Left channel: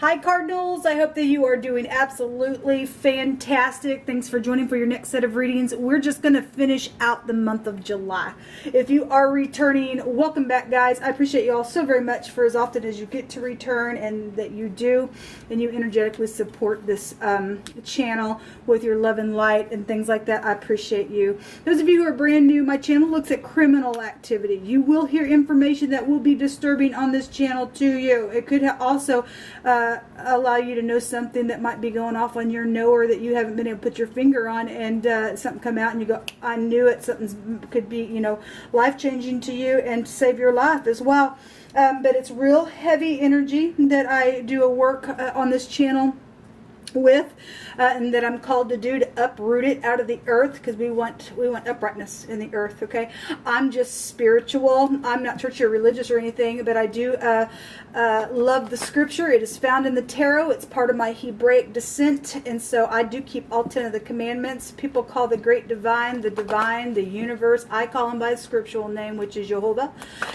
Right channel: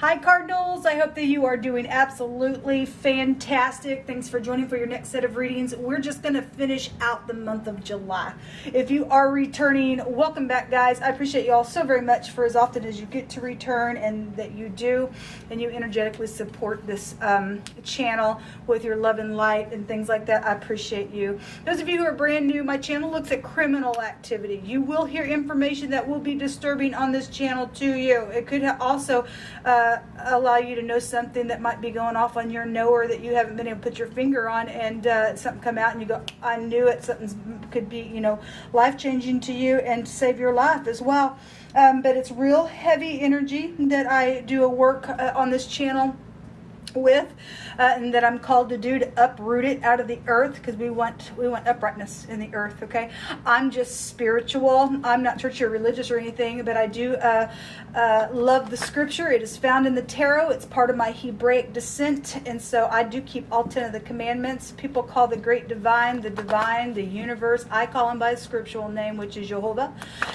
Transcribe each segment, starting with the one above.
Hi Cardinals, I hope that you are doing absolutely fantastic. Thanks for joining for your next set of readings. We're just going to finish out the month of July. If you are returning, welcome back guys. I appreciate you all so very much for as often as you get to return and that you do, and you energetically support this channel with your love and light and things like that. I appreciate you. Those of you who are brand new, my channel looks at criminal activity. You will hear information that will be disturbing on this channel to you. It could also allow you to know something that might be going off on your knower that you haven't been able to put your finger on, and something come out and you go, I knew it. Something could be, you know, life-changing to you and save your life as well. But it's real heavy energy that I do a work on this channel with, and that I'm called to do, to uproot it out of the earth, because we want uprightness in the earth. Okay, I'm just spiritual. I'm not churchy or religious or anything, but I do love the scripture. It is found in the tarot. It's part of my Hebraic descent, and so I do keep all 10 of the commandments. People call the great divine, the universe. I call him by his scriptural name, which is Jehovah,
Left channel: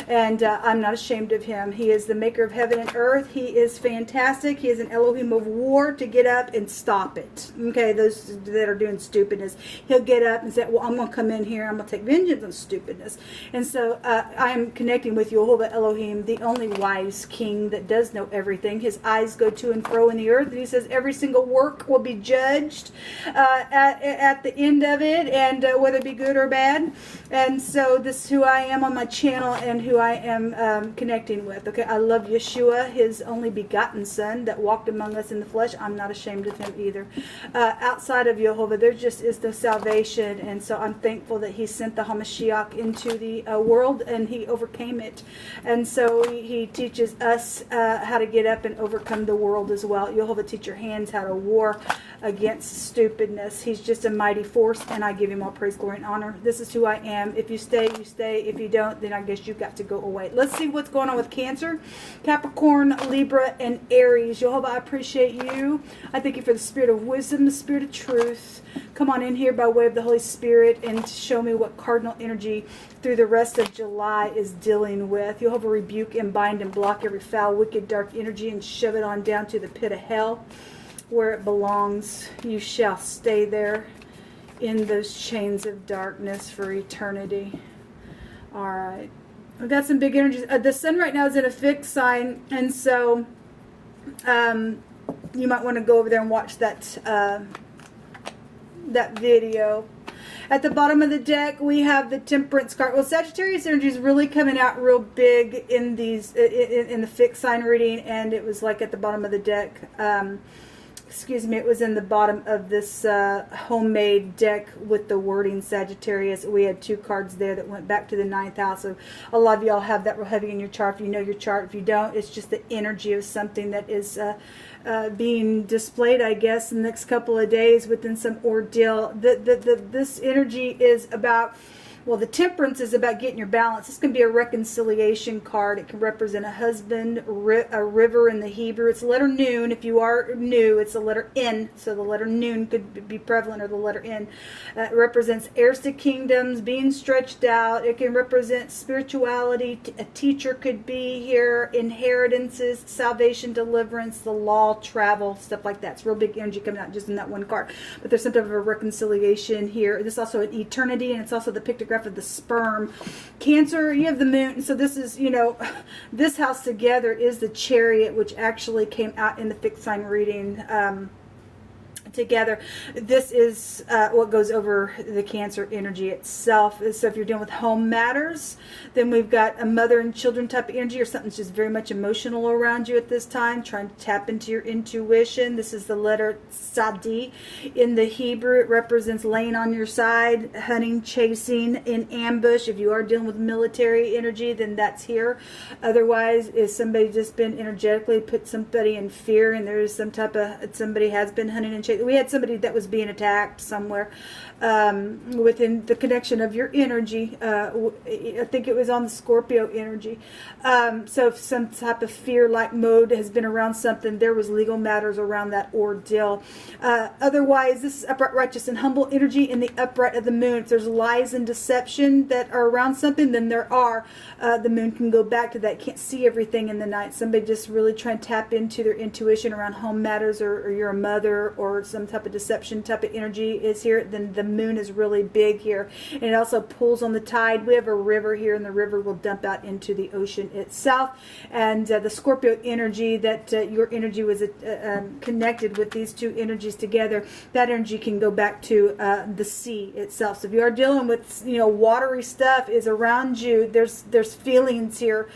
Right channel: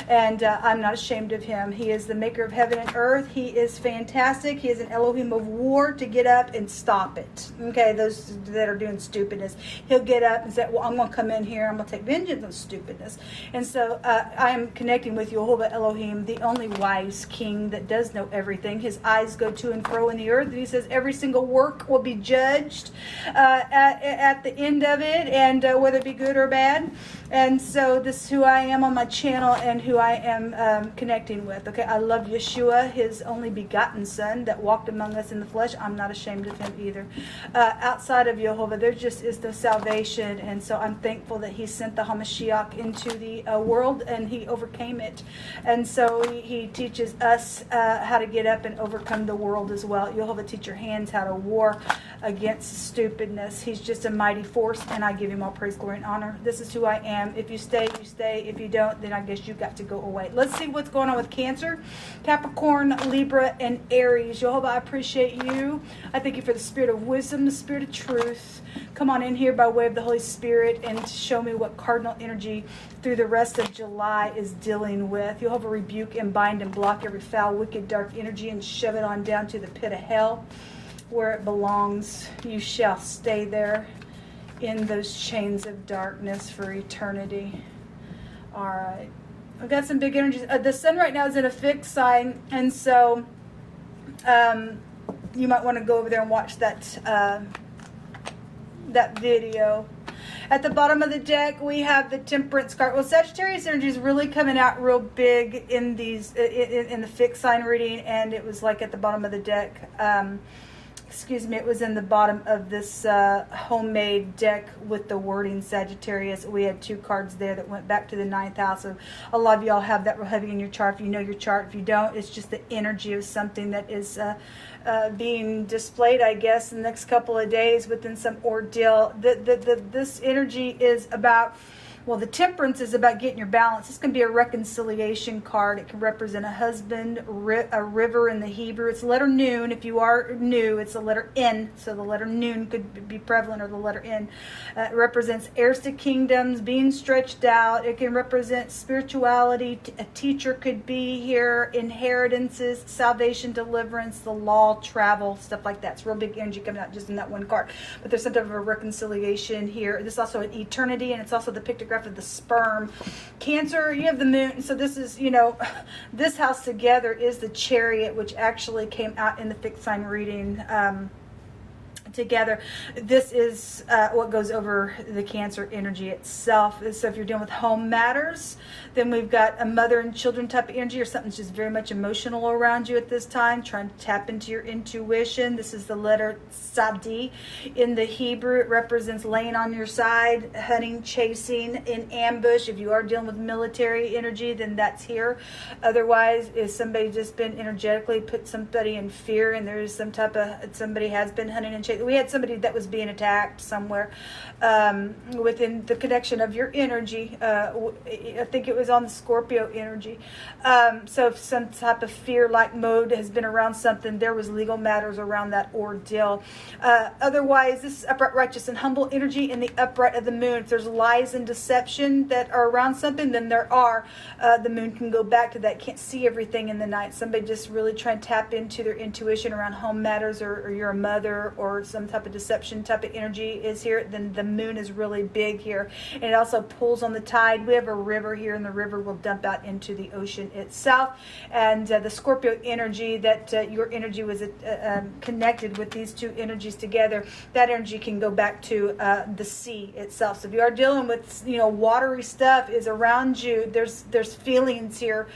and I'm not ashamed of him. He is the maker of heaven and earth. He is fantastic. He is an Elohim of war to get up and stop it. Okay, those that are doing stupidness, he'll get up and say, well, I'm going to come in here, I'm going to take vengeance on stupidness. And so I am connecting with Jehovah Elohim, the only wise king that does know everything. His eyes go to and fro in the earth, and he says every single work will be judged at the end of it, and whether it be good or bad. And so this is who I am on my channel and who I am connecting with. Okay, I love Yeshua, his only begotten son that walked among us in the flesh. I'm not ashamed of him either. Outside of Jehovah, there just is no salvation, and so I'm thankful that he sent the Hamashiach into the world, and he overcame it. And so he teaches us how to get up and overcome the world as well. Jehovah teach your hands how to war against stupidness. He's just a mighty force, and I give him all praise, glory, and honor. This is who I am. If you stay, you stay. If you don't, then I guess you've got to go away. Let's see what's going on with Cancer, Capricorn, Libra, and Aries. Jehovah, I appreciate you. I thank you for the spirit of wisdom, the spirit of truth. Come on in here by way of the Holy Spirit and show me what cardinal energy through the rest of July is dealing with. You'll have a rebuke and bind and block every foul, wicked, dark energy and shove it on down to the pit of hell where it belongs. You shall stay there in those chains of darkness for eternity. All right. We've got some big energies. The sun right now is in a fixed sign, and so you might want to go over there and watch that that video. At the bottom of the deck, we have the Temperance card. Well, Sagittarius energy is really coming out real big in these in the fixed sign reading, and it was like at the bottom of the deck. Excuse me, it was in the bottom of this homemade deck with the wording Sagittarius. We had 2 cards there that went back to the 9th house. So a lot of y'all have that real heavy in your chart. If you know your chart, if you don't, it's just the energy of something that is being displayed, I guess, in the next couple of days within some ordeal. This energy is about, well, the Temperance is about getting your balance. This can be a reconciliation card. It can represent a husband, a river in the Hebrew. It's the letter Nun. If you are new, it's the letter N. So the letter Nun could be prevalent, or the letter N. It represents heirs to kingdoms, being stretched out. It can represent spirituality. A teacher could be here. Inheritances, salvation, deliverance, the law, travel, stuff like that. It's real big energy coming out just in that one card. But there's some type of a reconciliation here. This is also an eternity, and it's also the pictograph of the sperm. Cancer, you have the moon. So this is, you know, this house together is the Chariot, which actually came out in the fixed sign reading together. This is what goes over the Cancer energy itself. So if you're dealing with home matters, then we've got a mother and children type of energy, or something that's just very much emotional around you at this time, trying to tap into your intuition. This is the letter Sadi. In the Hebrew, it represents laying on your side, hunting, chasing, in ambush. If you are dealing with military energy, then that's here. Otherwise, if somebody just been energetically put somebody in fear, and there is some type of, somebody has been hunting and chasing, we had somebody that was being attacked somewhere within the connection of your energy. I think it was on the Scorpio energy. So if some type of fear-like mode has been around something, there was legal matters around that ordeal. Otherwise, this is upright, righteous, and humble energy in the upright of the moon. If there's lies and deception that are around something, then there are. The moon can go back to that. Can't see everything in the night. Somebody just really trying to tap into their intuition around home matters, or you're a mother, or some type of deception type of energy is here, then the moon is really big here. And it also pulls on the tide. We have a river here, and the river will dump out into the ocean itself. And the Scorpio energy, that your energy was connected with these two energies together, that energy can go back to the sea itself. So if you are dealing with, watery stuff is around you, there's feelings here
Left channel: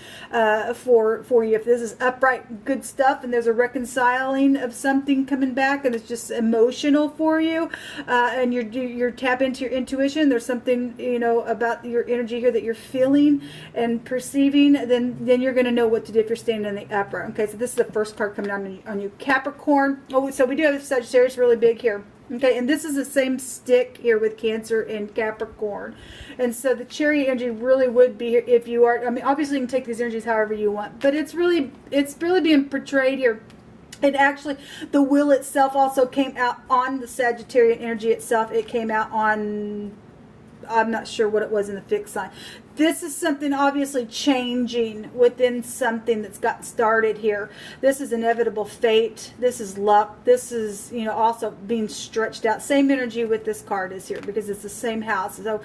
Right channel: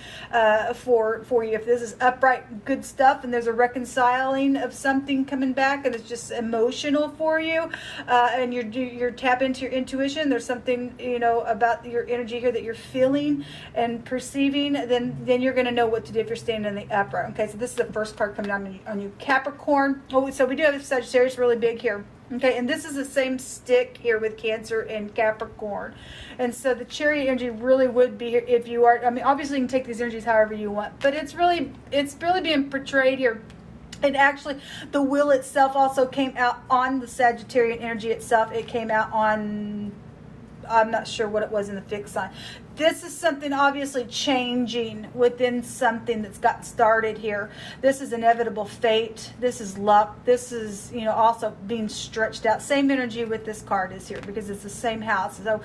for you. If this is upright, good stuff, and there's a reconciling of something coming back, and it's just emotional for you, and you're tap into your intuition, there's something about your energy here that you're feeling and perceiving, then you're going to know what to do if you're standing in the upright. Okay, so this is the first card coming on you, Capricorn. Oh, so we do have Sagittarius really big here. Okay, and this is the same stick here with Cancer and Capricorn. And so the Chariot energy really would be, if you are, obviously you can take these energies however you want, but it's really being portrayed here. And actually, the wheel itself also came out on the Sagittarian energy itself. It came out on, I'm not sure what it was in the fixed sign. This is something obviously changing within something that's gotten started here. This is inevitable fate. This is luck. This is, also being stretched out. Same energy with this card is here because it's the same house. So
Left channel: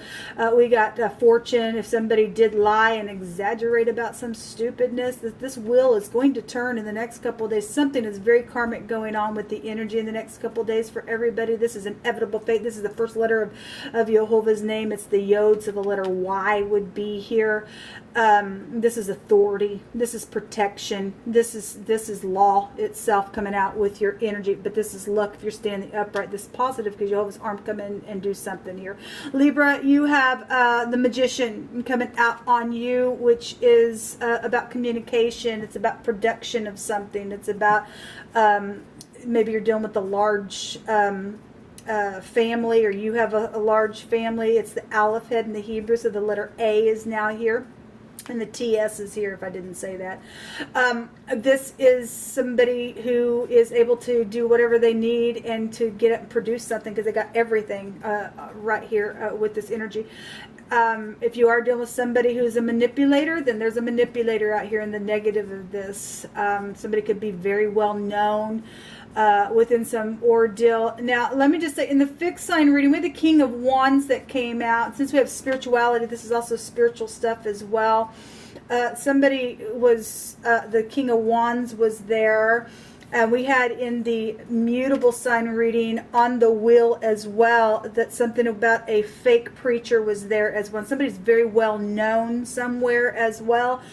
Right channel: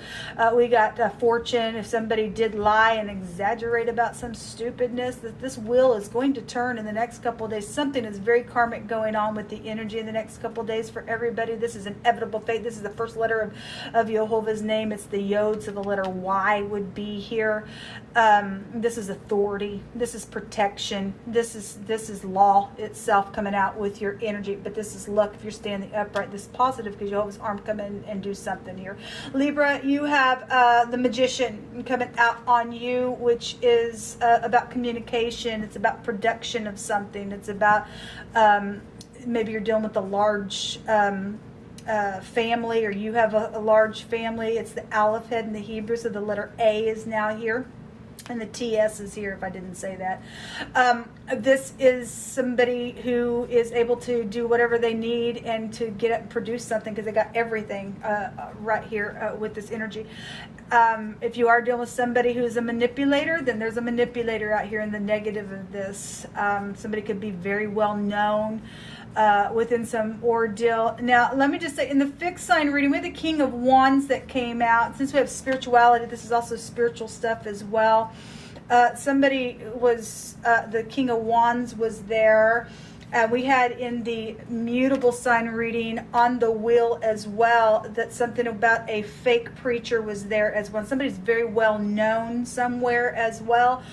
we got fortune. If somebody did lie and exaggerate about some stupidness, this wheel is going to turn in the next couple of days. Something is very karmic going on with the energy in the next couple of days for everybody. This is inevitable fate. This is the first letter of YHVH's name. It's the Yod, so the letter Y would be here. This is authority. This is protection. This is law itself coming out with your energy. But this is luck if you're standing upright. This is positive because YHVH's arm come in and do something here. Libra, you have the Magician coming out on you, which is about communication. It's about production of something. It's about maybe you're dealing with a large family, or you have a large family. It's the Aleph head in the Hebrew, so the letter A is now here, and the TS is here, if I didn't say that. This is somebody who is able to do whatever they need and to get up and produce something because they got everything right here with this energy. If you are dealing with somebody who's a manipulator, then there's a manipulator out here in the negative of this. Somebody could be very well known within some ordeal. Now, let me just say, in the fixed sign reading, we have the King of Wands that came out. Since we have spirituality, this is also spiritual stuff as well. Somebody was, the King of Wands was there. We had in the mutable sign reading on the wheel as well that something about a fake preacher was there as well. Somebody's very well known somewhere as well.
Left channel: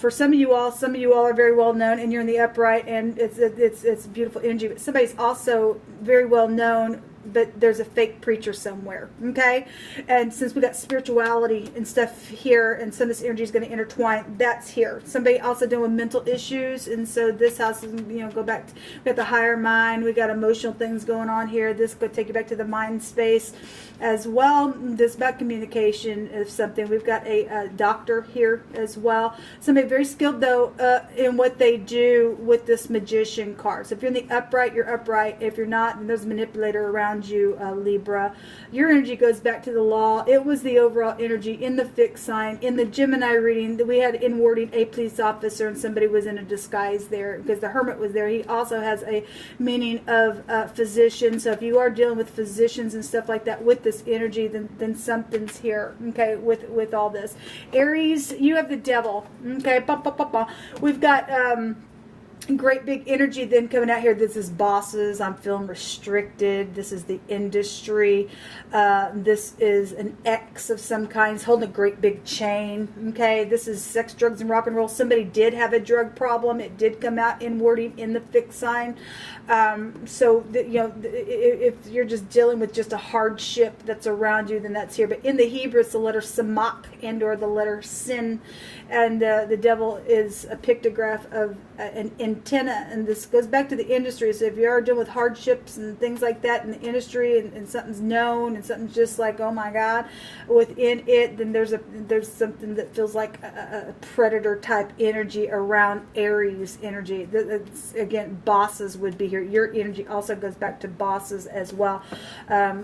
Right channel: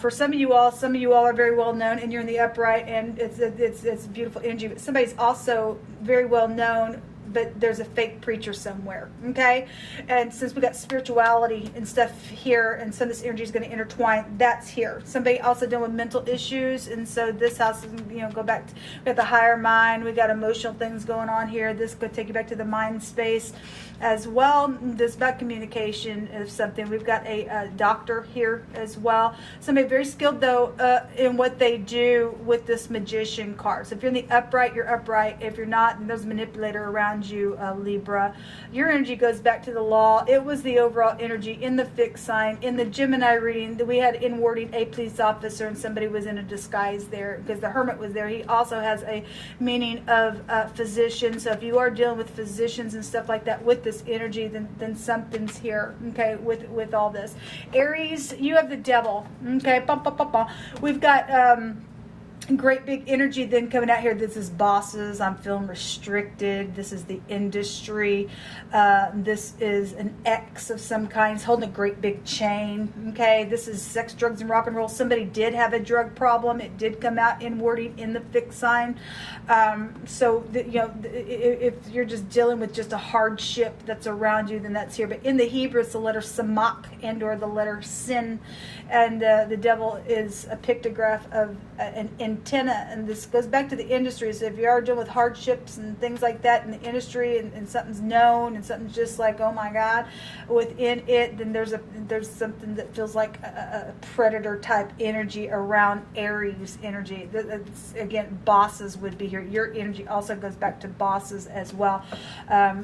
For some of you all are very well known, and you're in the upright, and it's beautiful energy. But somebody's also very well known, but there's a fake preacher somewhere. Okay, and since we got spirituality and stuff here, and some of this energy is going to intertwine, that's here. Somebody also dealing with mental issues, and so this house is, go back to, we got the higher mind, we got emotional things going on here. This could take you back to the mind space as well. This about communication is something. We've got a doctor here as well. Somebody very skilled though in what they do with this Magician card. So if you're in the upright, you're upright. If you're not, there's a manipulator around you, Libra. Your energy goes back to the law. It was the overall energy in the fixed sign. In the Gemini reading, that we had in wording a police officer, and somebody was in a disguise there because the Hermit was there. He also has a meaning of physician. So if you are dealing with physicians and stuff like that with this energy, then something's here, okay, with all this. Aries, you have the Devil, okay, we've got great big energy then coming out here. This is bosses. I'm feeling restricted. This is the industry. This is an X of some kind. He's holding a great big chain. Okay, this is sex, drugs, and rock and roll. Somebody did have a drug problem. It did come out in wording in the fixed sign. If you're just dealing with just a hardship that's around you, then that's here. But in the Hebrew, it's the letter Samak and or the letter Sin. And the Devil is a pictograph of an antenna, and this goes back to the industry. So if you are dealing with hardships and things like that in the industry, and something's known and something's just like, oh my God, within it, then there's something that feels like a predator type energy around Aries energy. Again, bosses would be here. Your energy also goes back to bosses as well.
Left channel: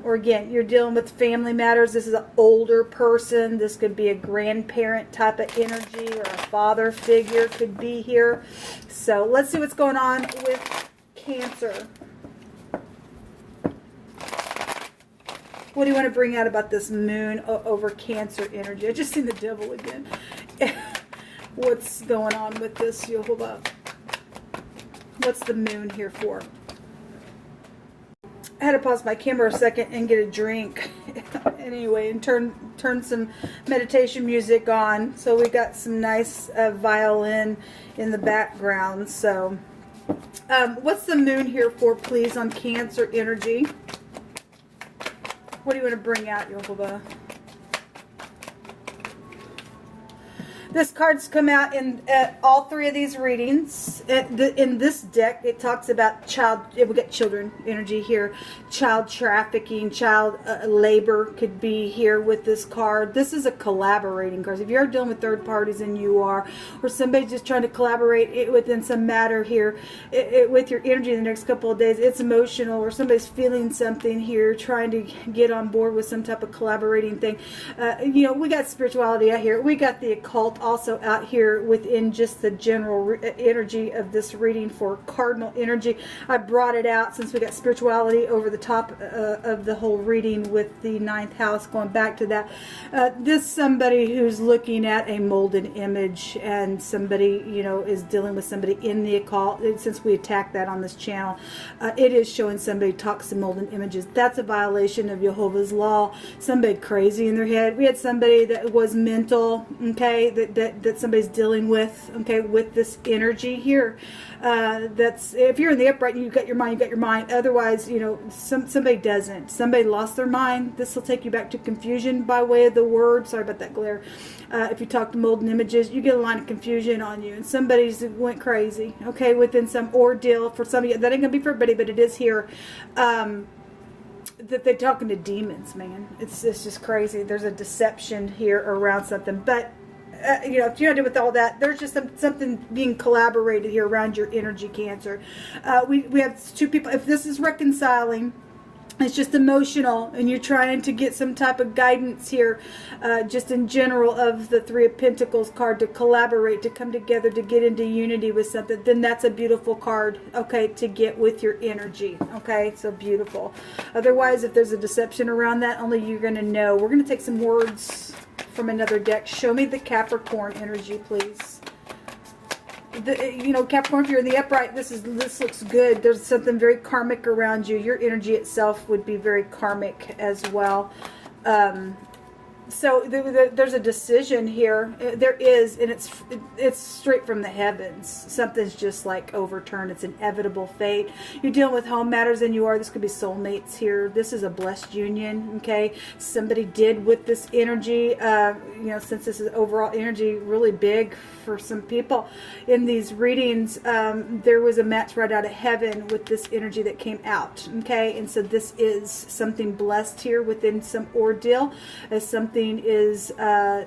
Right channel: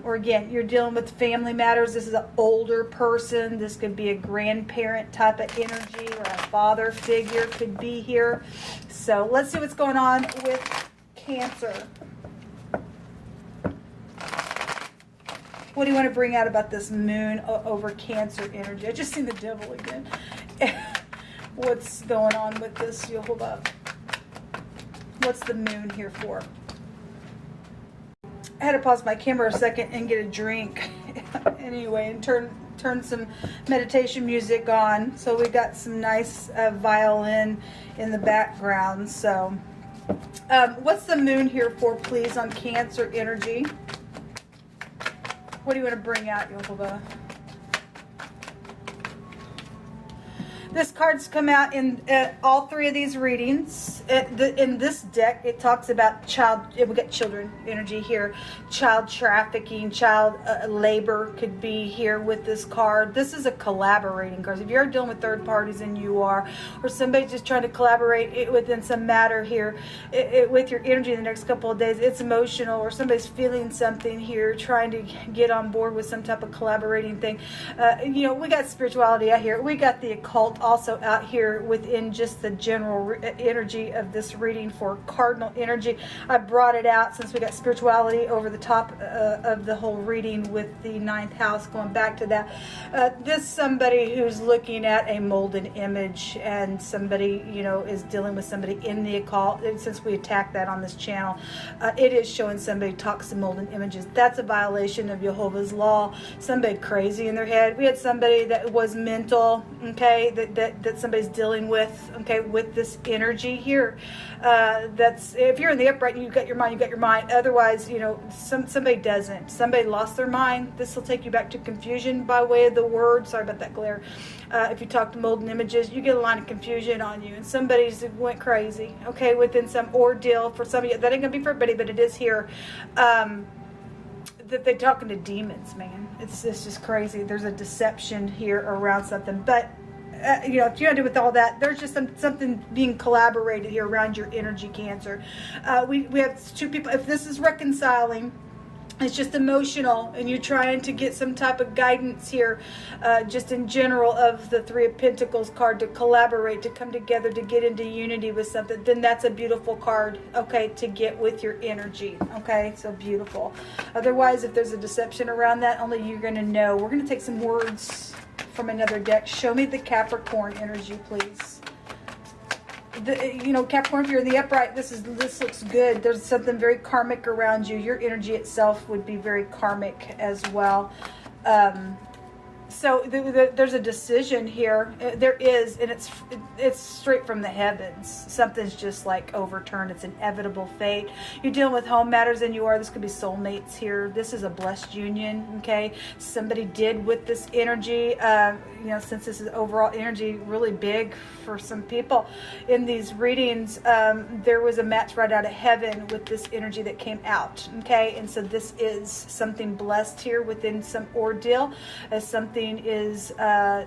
Or again, you're dealing with family matters. This is an older person. This could be a grandparent type of energy, or a father figure could be here. So let's see what's going on with Cancer. What do you want to bring out about this moon over Cancer energy? I just seen the devil again. What's going on with this? You hold up. What's the moon here for? I had to pause my camera a second and get a drink. Anyway, and turn some meditation music on. So we got some nice violin in the background. So what's the moon here for, please, on Cancer energy? What do you want to bring out, Yokoba? This card's come out in all three of these readings. In this deck, it talks about we got children energy here. Child trafficking, child labor could be here with this card. This is a collaborating card. If you're dealing with third parties, and you are, or somebody's just trying to collaborate within some matter here, with your energy in the next couple of days, it's emotional, or somebody's feeling something here, trying to get on board with some type of collaborating thing. You know, we got spirituality out here. We got the occult also out here within just the general energy of this reading for cardinal energy. I brought it out since we got spirituality over the top of the whole reading with the 9th house, going back to that. This somebody who's looking at a molded image, and somebody, you know, is dealing with somebody in the occult. And since we attacked that on this channel, it is showing somebody talks to molded images. That's a violation of Jehovah's law. Somebody crazy in their head. We had somebody that was mental, okay, that somebody's dealing with, okay, with this energy here. That's, if you're in the upright, you've got your mind, you've got your mind. Otherwise, you know, somebody doesn't. Somebody lost their mind. This will take you back to confusion by way of the word. Sorry about that glare. If you talk to molten images, you get a line of confusion on you, and somebody's went crazy, okay, within some ordeal. For some of you, that ain't gonna be for everybody, but it is here. That they're talking to demons, man. It's just crazy. There's a deception here around something, but you know, if you do with all that, there's just something being collaborated here around your energy, Cancer. We have two people. If this is reconciling, it's just emotional, and you're trying to get some type of guidance here, just in general, of the Three of Pentacles card, to collaborate, to come together, to get into unity with something, then that's a beautiful card, okay, to get with your energy, okay? So beautiful. Otherwise, if there's a deception around that, only you're going to know. We're going to take some words from another deck. Show me the Capricorn energy, please. You know, Capricorn, if you're in the upright, this looks good. There's something very karmic around you. Your energy itself would be very karmic as well. So there's a decision here. There is, and it's straight from the heavens. Something's just like overturned. It's inevitable fate. You're dealing with home matters, and you are. This could be soulmates here. This is a blessed union, okay? Somebody did with this energy, you know, since this is overall energy really big for some people in these readings, there was a match right out of heaven with this energy that came out, okay? And so this is something blessed here within some ordeal, as something is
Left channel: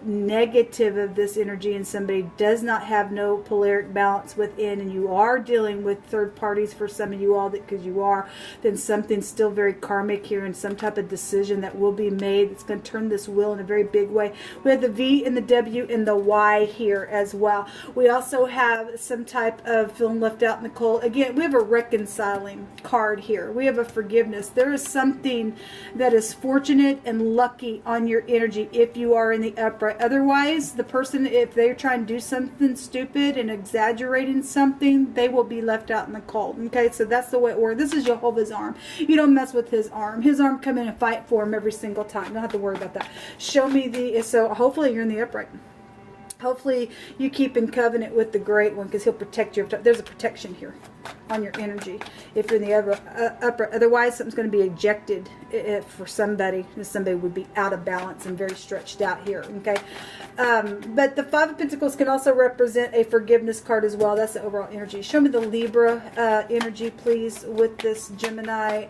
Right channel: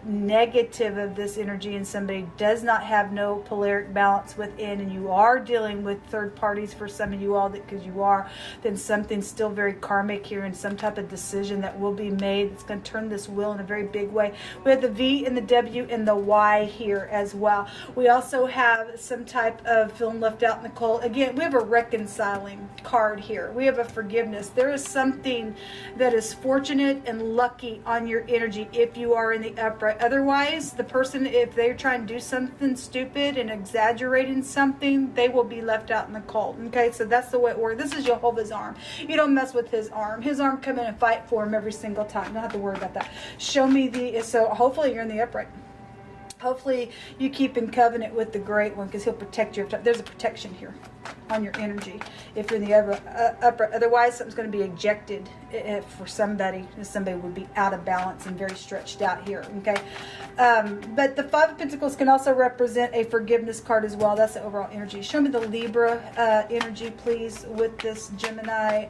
negative of this energy, and somebody does not have no polaric balance within, and you are dealing with third parties for some of you all, because you are, then something's still very karmic here, and some type of decision that will be made. It's going to turn this wheel in a very big way. We have the V and the W and the Y here as well. We also have some type of feeling left out in the cold. Again, we have a reconciling card here. We have a forgiveness. There is something that is fortunate and lucky on your energy if you are in the upright. Otherwise, the person, if they're trying to do something stupid and exaggerating something, they will be left out in the cold. Okay, so that's the way it works. This is Jehovah's arm. You don't mess with his arm. His arm come in and fight for him every single time. You don't have to worry about that. Show me the, so hopefully you're in the upright. Hopefully you keep in covenant with the Great One, because he'll protect you. There's a protection here. on your energy if you're in the upper. Otherwise, something's going to be ejected for somebody. Somebody would be out of balance and very stretched out here, okay? But the Five of Pentacles can also represent a forgiveness card as well. That's the overall energy. Show me the Libra energy, please, with this Gemini.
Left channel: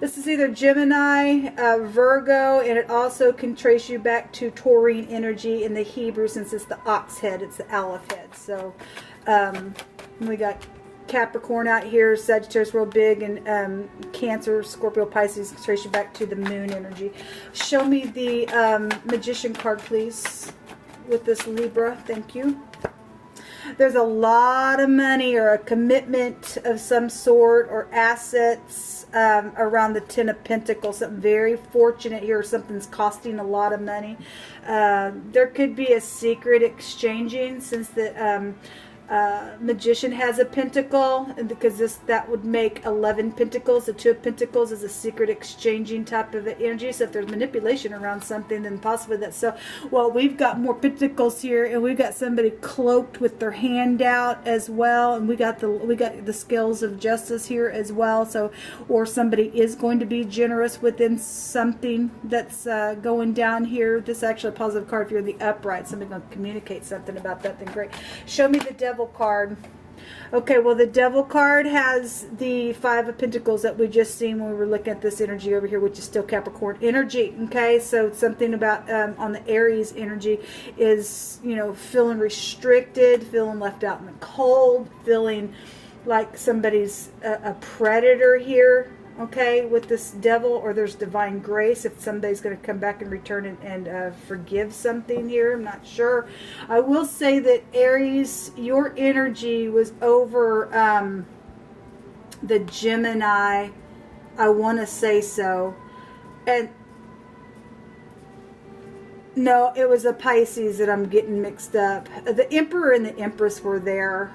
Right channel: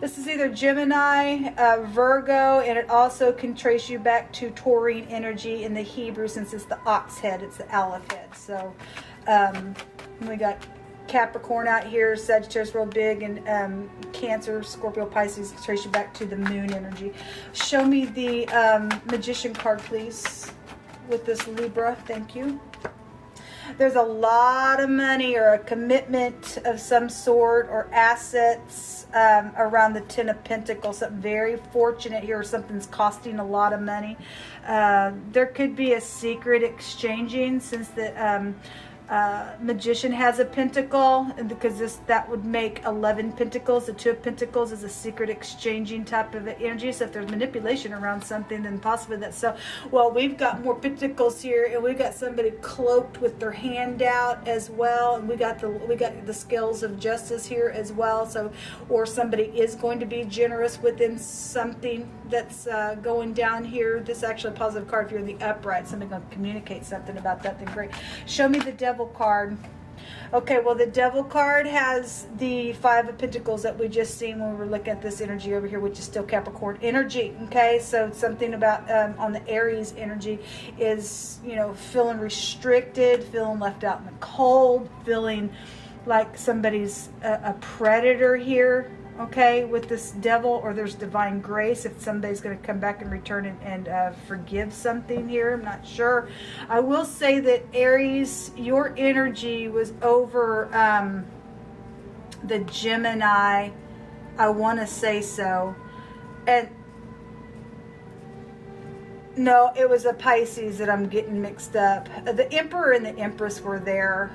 This is either Gemini, Virgo, and it also can trace you back to Taurine energy in the Hebrew, since it's the ox head, it's the Aleph head. So we got Capricorn out here, Sagittarius real big, and Cancer, Scorpio, Pisces trace you back to the moon energy. Show me the Magician card, please, with this Libra. Thank you. There's a lot of money or a commitment of some sort or assets around the Ten of Pentacles. Something very fortunate here. Something's costing a lot of money. There could be a secret exchanging, since the Magician has a pentacle, because that would make 11 pentacles. The Two of Pentacles is a secret exchanging type of energy. So if there's manipulation around something, then possibly that's so. Well, we've got more pentacles here, and we've got somebody cloaked with their hand out as well, and we got the scales of justice here as well. So, or somebody is going to be generous within something that's going down here. This is actually a positive card. If you're the upright, somebody's going to communicate something about that. Then great. Show me the Devil card. Okay, well, the Devil card has the Five of Pentacles that we just seen when we were looking at this energy over here, which is still Capricorn energy. Okay, so something about on the Aries energy is, you know, feeling restricted, feeling left out in the cold, feeling like somebody's a predator here. Okay, with this Devil, or there's divine grace if somebody's going to come back and return and forgive something here. I'm not sure. I will say that Aries, your energy was over the Gemini. I want to say so. And no, it was a Pisces that I'm getting mixed up. The Emperor and the Empress were there.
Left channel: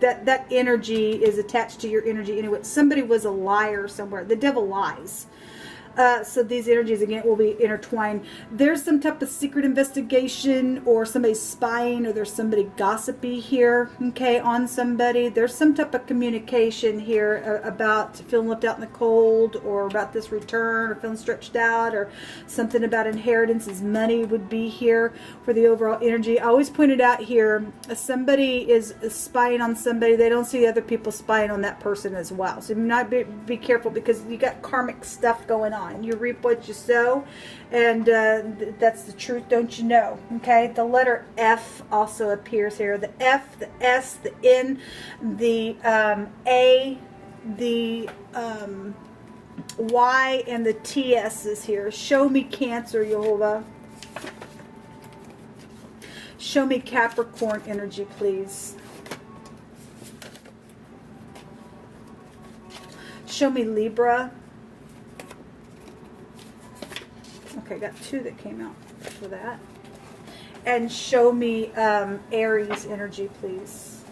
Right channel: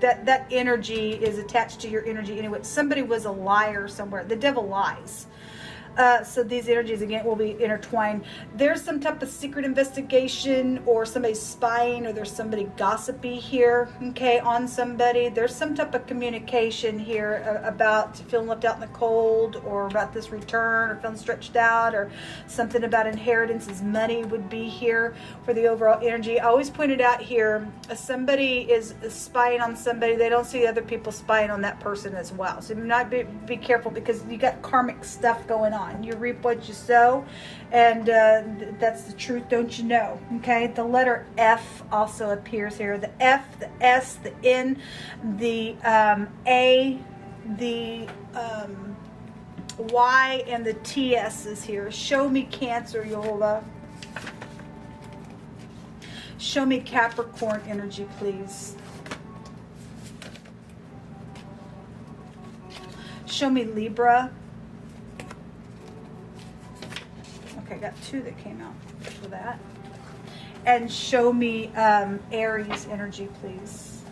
That energy is attached to your energy anyway. Somebody was a liar somewhere. The Devil lies. So these energies, again, will be intertwined. There's some type of secret investigation, or somebody's spying, or there's somebody gossipy here, okay, on somebody. There's some type of communication here about feeling left out in the cold, or about this return, or feeling stretched out, or something about inheritances. Money would be here for the overall energy. I always pointed out here, if somebody is spying on somebody, they don't see other people spying on that person as well. So you might be careful, because you got karmic stuff going on. You reap what you sow, and that's the truth, don't you know? Okay, the letter F also appears here. The F, the S, the N, the A, the Y, and the TS is here. Show me Cancer, Yehovah. Show me Capricorn energy, please. Show me Libra. I got two that came out for that. And show me Aries energy, please.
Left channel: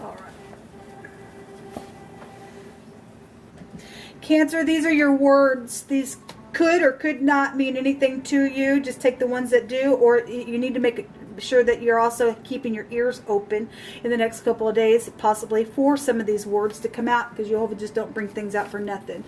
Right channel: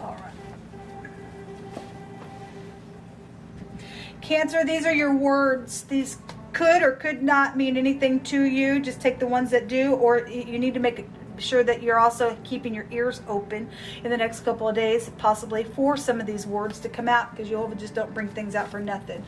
All right. Cancer, these are your words. These could or could not mean anything to you. Just take the ones that do, or you need to make sure that you're also keeping your ears open in the next couple of days, possibly for some of these words to come out, because Jehovah just don't bring things out for nothing.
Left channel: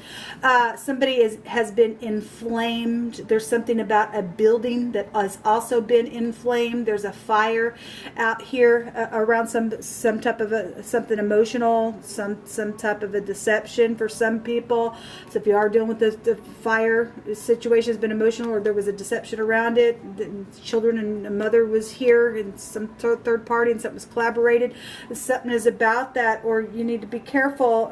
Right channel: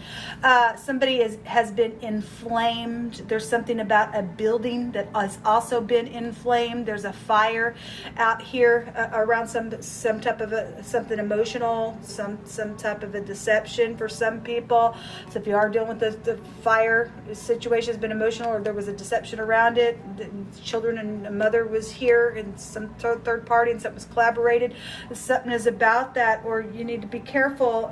Somebody has been inflamed. There's something about a building that has also been inflamed. There's a fire out here around some type of something emotional, some type of a deception for some people. So if you are dealing with the fire, the situation has been emotional, or there was a deception around it, the children and a mother was here, and some third party, and something was collaborated. Something is about that, or you need to be careful.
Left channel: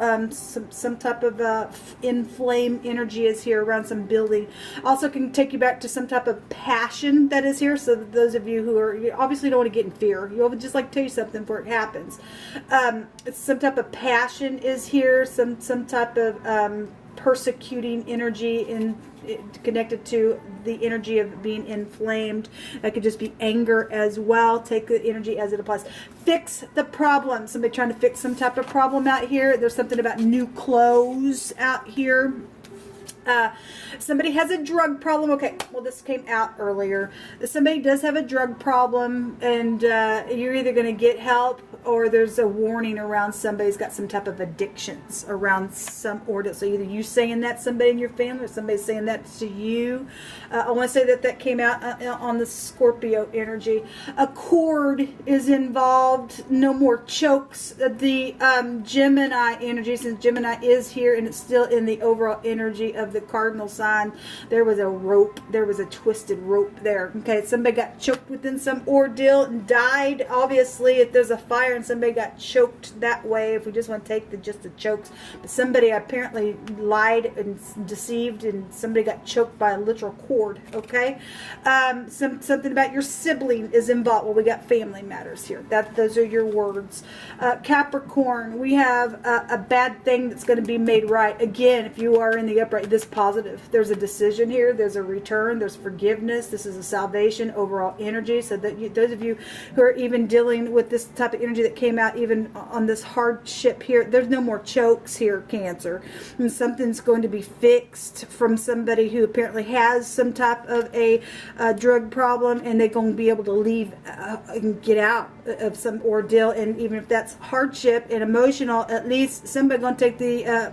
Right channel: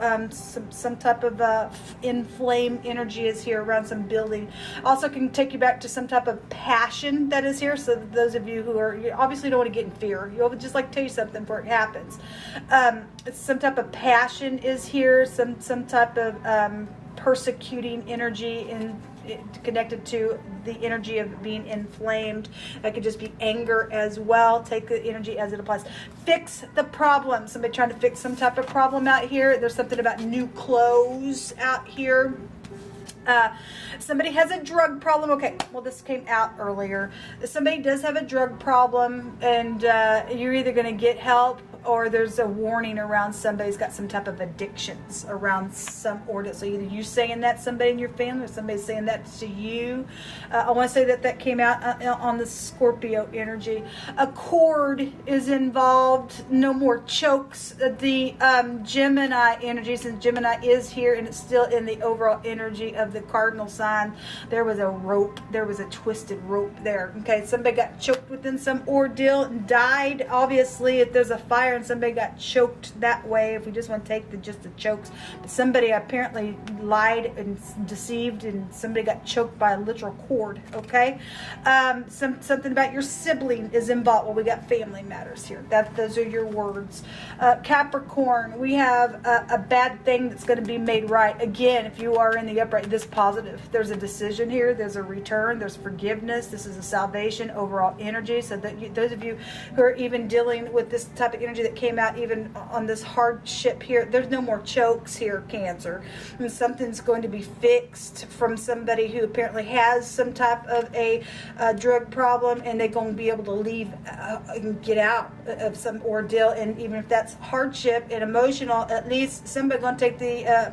Some type of inflamed energy is here around some building. Also can take you back to some type of passion that is here. So those of you who are, you obviously don't want to get in fear. You'll just like tell you something before it happens. Some type of passion is here. Some type of persecuting energy connected to the energy of being inflamed. That could just be anger as well. Take the energy as it applies. Fix the problem. Somebody trying to fix some type of problem out here. There's something about new clothes out here. Somebody has a drug problem. Okay, well, this came out earlier. Somebody does have a drug problem, and you're either going to get help or there's a warning around somebody's got some type of addictions around some order. So either you saying that to somebody in your family or somebody saying that to you. I want to say that came out on the Scorpio energy. A cord is involved. No more chokes. The Gemini energy, since Gemini is here and it's still in the overall energy of the cardinal sign, there was a rope. There was a twisted rope there. Okay, somebody got choked within some ordeal and died. Obviously, if there's a fire and somebody got choked that way, if we just want to take just the chokes, but somebody apparently lied and deceived and somebody got choked by a literal cord. Okay, something about your sibling is involved. Well, we got family matters here. Those are your words. Capricorn, we have a bad thing that's going to be made right. Again, if you are in the upright, this positive. There's a decision here. There's a return. There's forgiveness. This is a salvation, overall energy. So that those of you who are even dealing with this type of energy that came out even on this hardship here, there's no more chokes here, Cancer. And something's going to be fixed from somebody who apparently has some type of a drug problem, and they're going to be able to leave and get out of some ordeal. And even if that's hardship and emotional, at least somebody's going to take the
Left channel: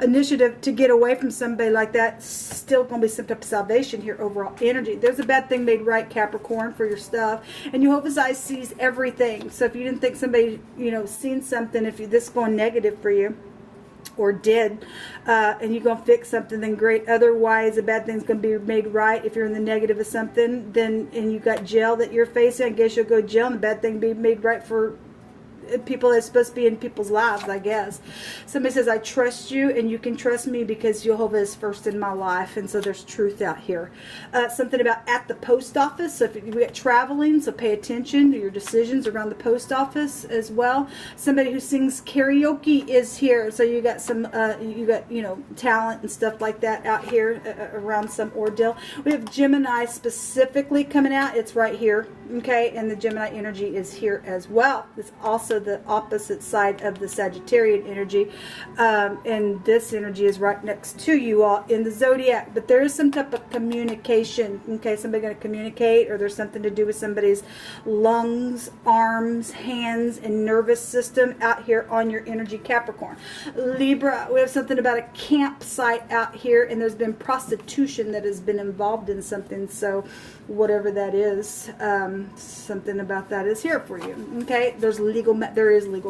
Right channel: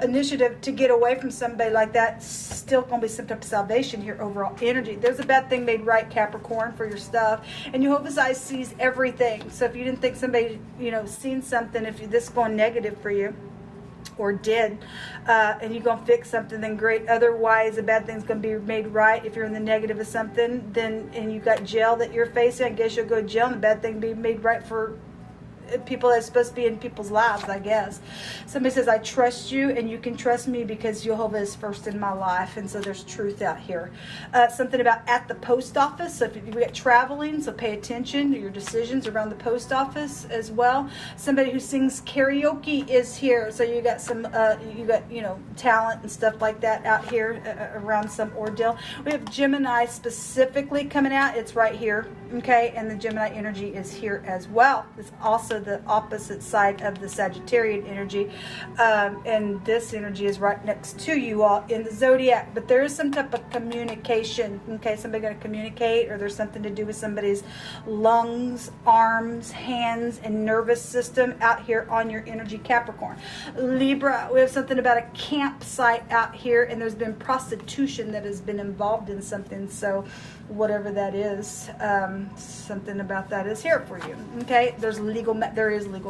initiative to get away from somebody like that. Still going to be some type of salvation here, overall energy. There's a bad thing made right, Capricorn, for your stuff, and Jehovah's Eyes sees everything. So if you didn't think somebody seen something, if this is going negative for you or did, and you're going to fix something, then great. Otherwise, a bad thing's going to be made right. If you're in the negative of something, then and you got jail that you're facing, I guess you'll go to jail, and the bad thing will be made right for people that's supposed to be in people's lives, I guess. Somebody says, I trust you and you can trust me because Jehovah is first in my life. And so there's truth out here. Something about at the post office. So if we got traveling, so pay attention to your decisions around the post office as well. Somebody who sings karaoke is here. So you got some, talent and stuff like that out here around some ordeal. We have Gemini specifically coming out. It's right here. Okay. And the Gemini energy is here as well. It's also the opposite side of the Sagittarian energy, and this energy is right next to you all in the zodiac. But there is some type of communication. Okay, somebody going to communicate, or there's something to do with somebody's lungs, arms, hands, and nervous system out here on your energy, Capricorn. Libra, we have something about a campsite out here, and there's been prostitution that has been involved in something. So whatever that is, something about that is here for you. Okay, there is legal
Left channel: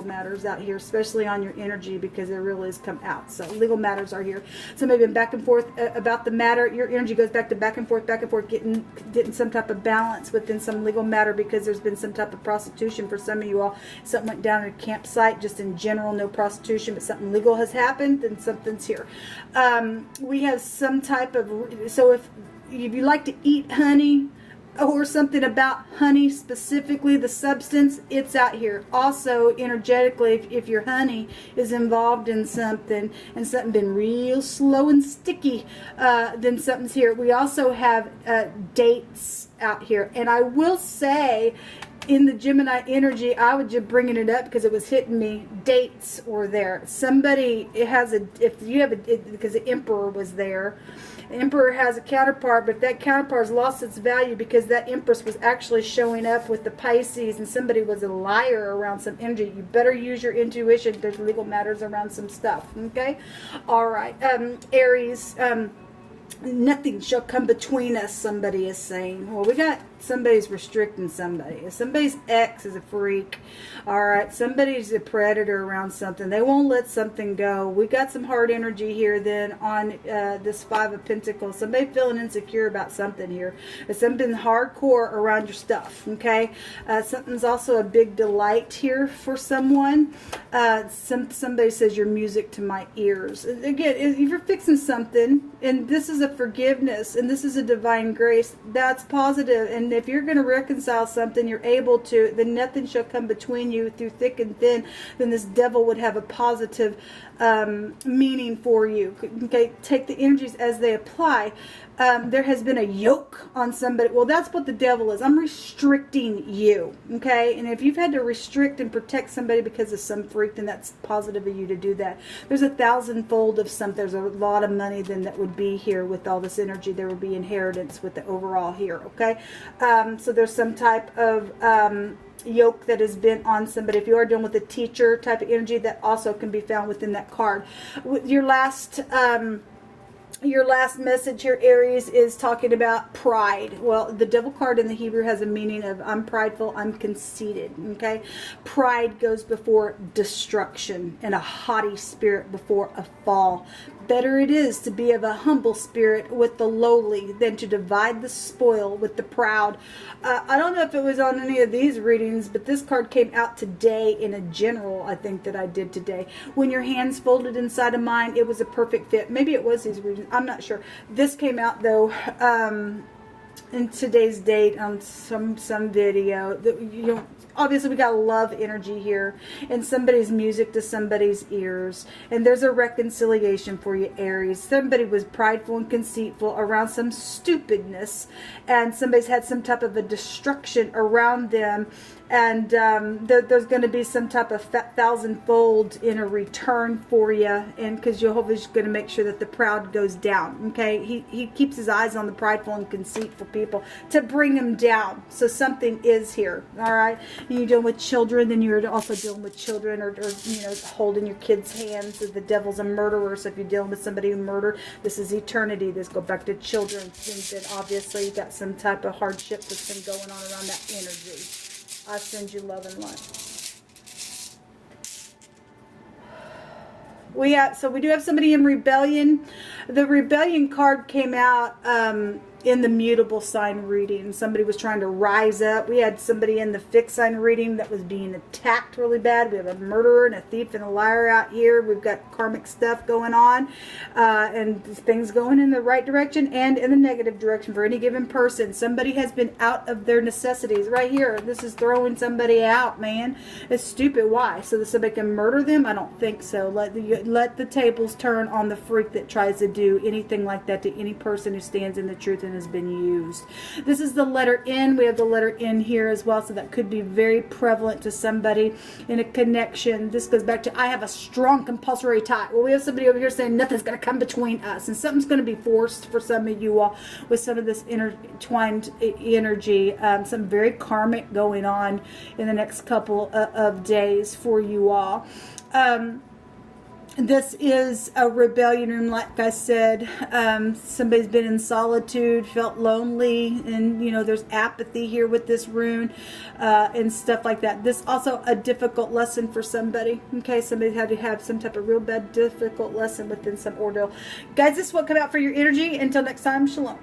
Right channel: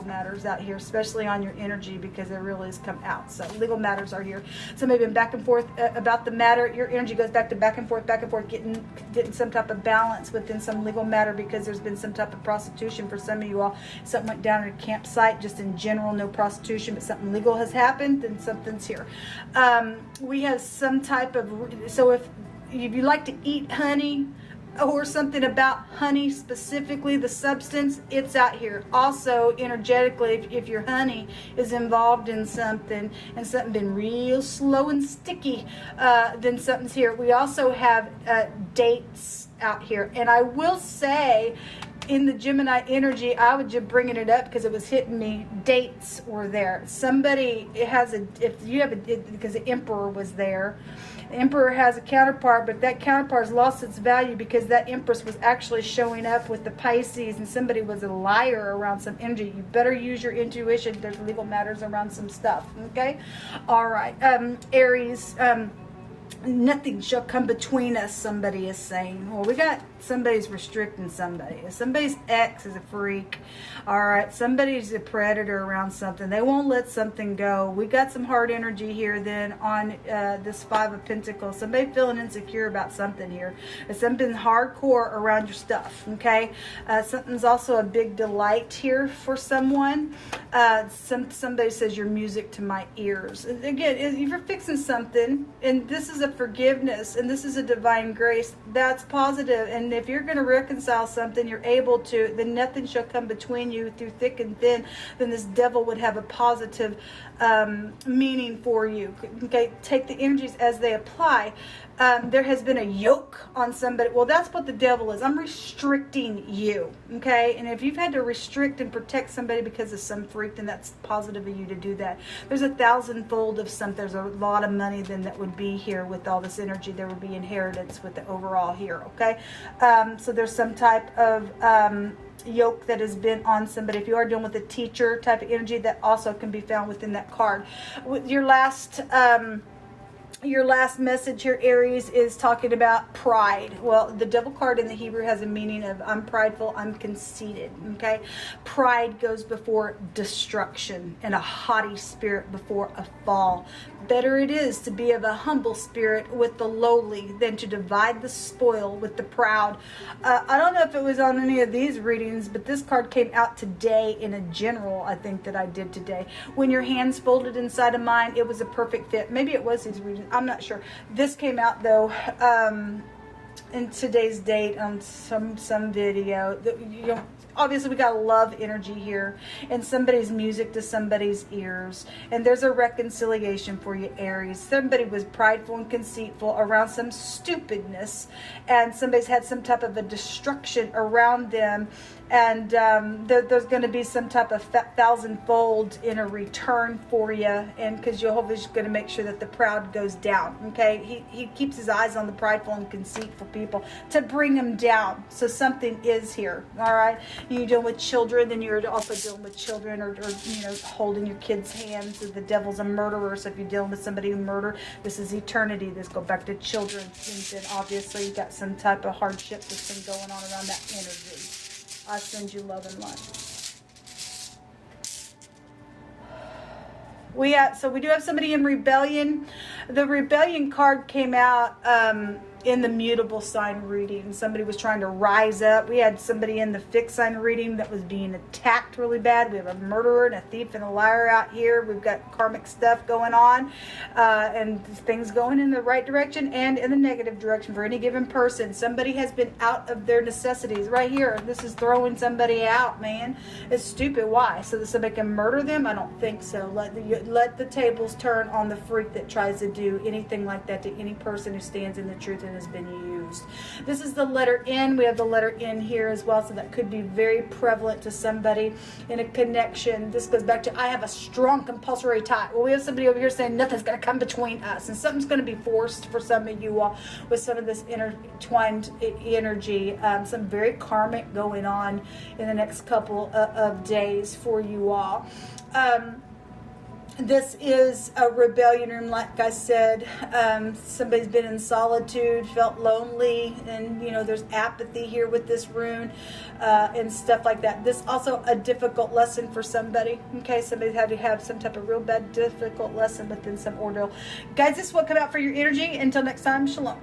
matters out here, especially on your energy, because there really has come out. So legal matters are here. Somebody been back and forth about the matter. Your energy goes back and forth, getting some type of balance within some legal matter, because there's been some type of prostitution for some of you all. Something went down at a campsite, just in general, no prostitution, but something legal has happened, and something's here. We have some type of, so if you like to eat honey, or something about honey, specifically the substance, it's out here. Also, energetically, if your honey is involved in something and something been real slow and sticky, then something's here. We also have dates out here. And I will say, in the Gemini energy, I was just bringing it up because it was hitting me. Dates were there. Somebody, because the Emperor was there. The Emperor has a counterpart, but that counterpart has lost its value because that Empress was actually showing up with the Pisces, and somebody was a liar around some energy. You better use your intuition. There's legal matters around some stuff. Okay? All right. Aries, nothing shall come between us, somebody is saying. Well, we got somebody's restricting somebody. If somebody's ex is a freak, all right, somebody's a predator around something. They won't let something go. We got some hard energy here then on this Five of Pentacles. Somebody feeling insecure about something here. There's something hardcore around your stuff, okay? Something's also a big delight here for someone. Somebody says you're music to my ears. Again, if you're fixing something, and this is a forgiveness, and this is a divine grace, that's positive. And if you're going to reconcile something, you're able to, then nothing shall come between you through thick and thin. Then this devil would have a positive meaning for you. Okay, take the energies as they apply. There has been a yoke on somebody. Well, that's what the devil is. I'm restricting you, okay? And if you've had to restrict and protect somebody because of some freak, then that's positive of you to do that. There's 1,000-fold of something. There's a lot of money then that would be here with all this energy. There would be inheritance with the overall here, okay? So there's some type of yoke that has been on somebody. If you are dealing with a teacher type of energy, that also can be found within that card. Your last message here, Aries, is talking about pride. Well, the devil card in the Hebrew has a meaning of I'm prideful, I'm conceited, okay? Pride goes before destruction and a haughty spirit before a fall. Better it is to be of a humble spirit with the lowly than to divide the spoil with the proud. I don't know if it was on any of these readings, but this card came out today in a general, I think, that I did today. When your hands folded inside of mine, it was a perfect fit. Maybe it was these readings. I'm not sure. This came out, though, in today's date on some video. You know, obviously we got love energy here, and somebody's music to somebody's ears, and there's a reconciliation for you, Aries. Somebody was prideful and conceitful around some stupidness, and somebody's had some type of a destruction around them, and there's going to be some type of 1,000-fold in a return for you, and because Jehovah's going to make sure that the proud goes down, okay? He keeps his eyes on the prideful and conceitful people to bring them down. So something is here, all right? You're dealing with children, then you're also dealing with children, or you know, holding your kids' hands. The devil's a murderer, so if you're dealing with somebody who murdered, this is eternity. This go back to children, and then obviously you got some type of hardship that's been going on around that energy. I send you love and light. So we do have somebody in rebellion. The rebellion card came out in the mutable sign reading. Somebody was trying to rise up. We had somebody in the fixed sign reading that was being attacked really bad. We have a murderer and a thief and a liar out here. We've got karmic stuff going on, and things going in the right direction and in the negative direction for any given person. Somebody has been out of their necessities. Right here, this is throwing somebody out, man. It's stupid. Why? So that somebody can murder them? I don't think so. Let the tables turn on the freak that tries to do anything like that to any person who stands in the truth and has been used. This is the letter N. We have the letter N here as well, so that could be very prevalent to somebody in a connection. This goes back to I have a strong compulsory tie. Well, we have somebody over here saying nothing's going to come between us, and something's going to be forced for some of you all with some of this intertwined energy. Some very karmic going on in the next couple of days for you all. This is a rebellion room, like I said. Somebody's been in solitude, felt lonely, and you know there's apathy here with this rune and stuff like that. This also a difficult lesson for somebody. Okay, somebody's had to have some type of real bad difficult lesson within some ordeal. Guys, this is what come out for your energy. Until next time, shalom.